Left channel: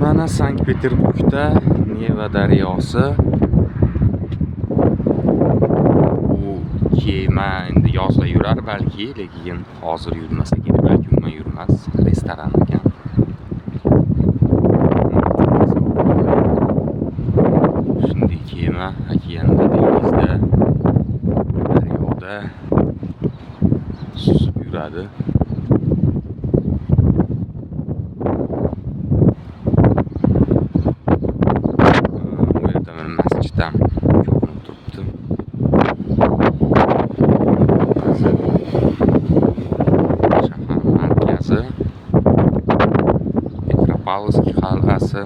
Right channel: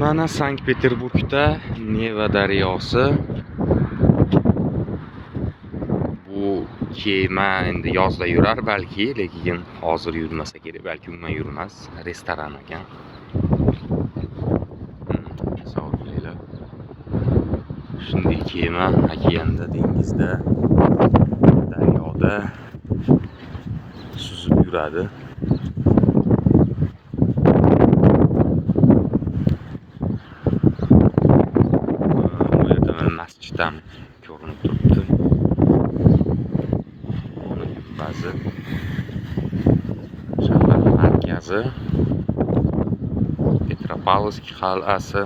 Mana Sankt-Peterburgda Neva daryosi. Bu kema endi yozda yurar balki, lekin hozir yurmasa kerak, balki umuman yurmas. Restoran ekan. Shunday kema okeanda, dengizda, daryoda suzib yuradi. Bu yerda mana masjidam ko'rinib turibdi. Shahar markazi, Petropavlovsk qal'asi.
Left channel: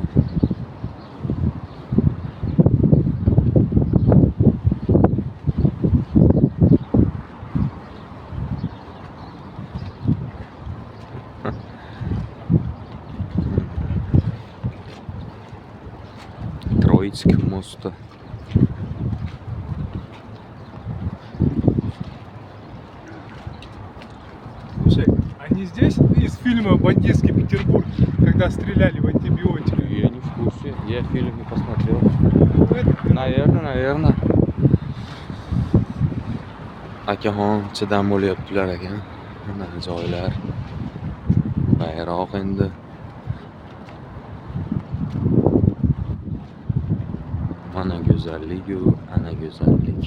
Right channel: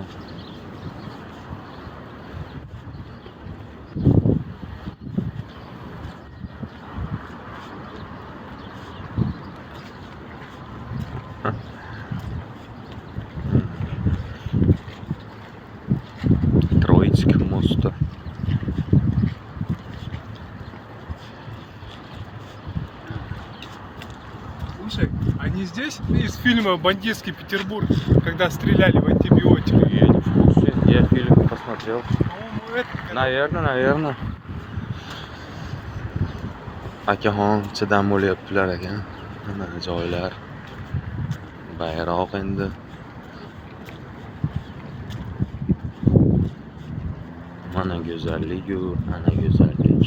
Троицк моста. Слушай, они здесь из фильма «Бандитский Петербург», когда стреляли в антибиотик? Я не в курсе, я фильм не посмотрел. Наверное. Akaxon ichidan bo'lyaptilar ekan. Mana joylar. Bayroq endi. Mana go'zallik-ku, ana go'zallik.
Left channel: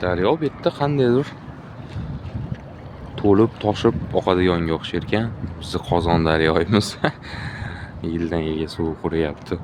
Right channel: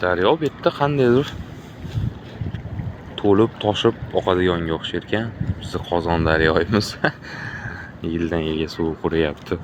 Daryo bu yerda qandaydir to'lib, toshib oqadiganga o'xshar ekan. Bizni Qozon daryoyimiz yildan yilga suv quryapti.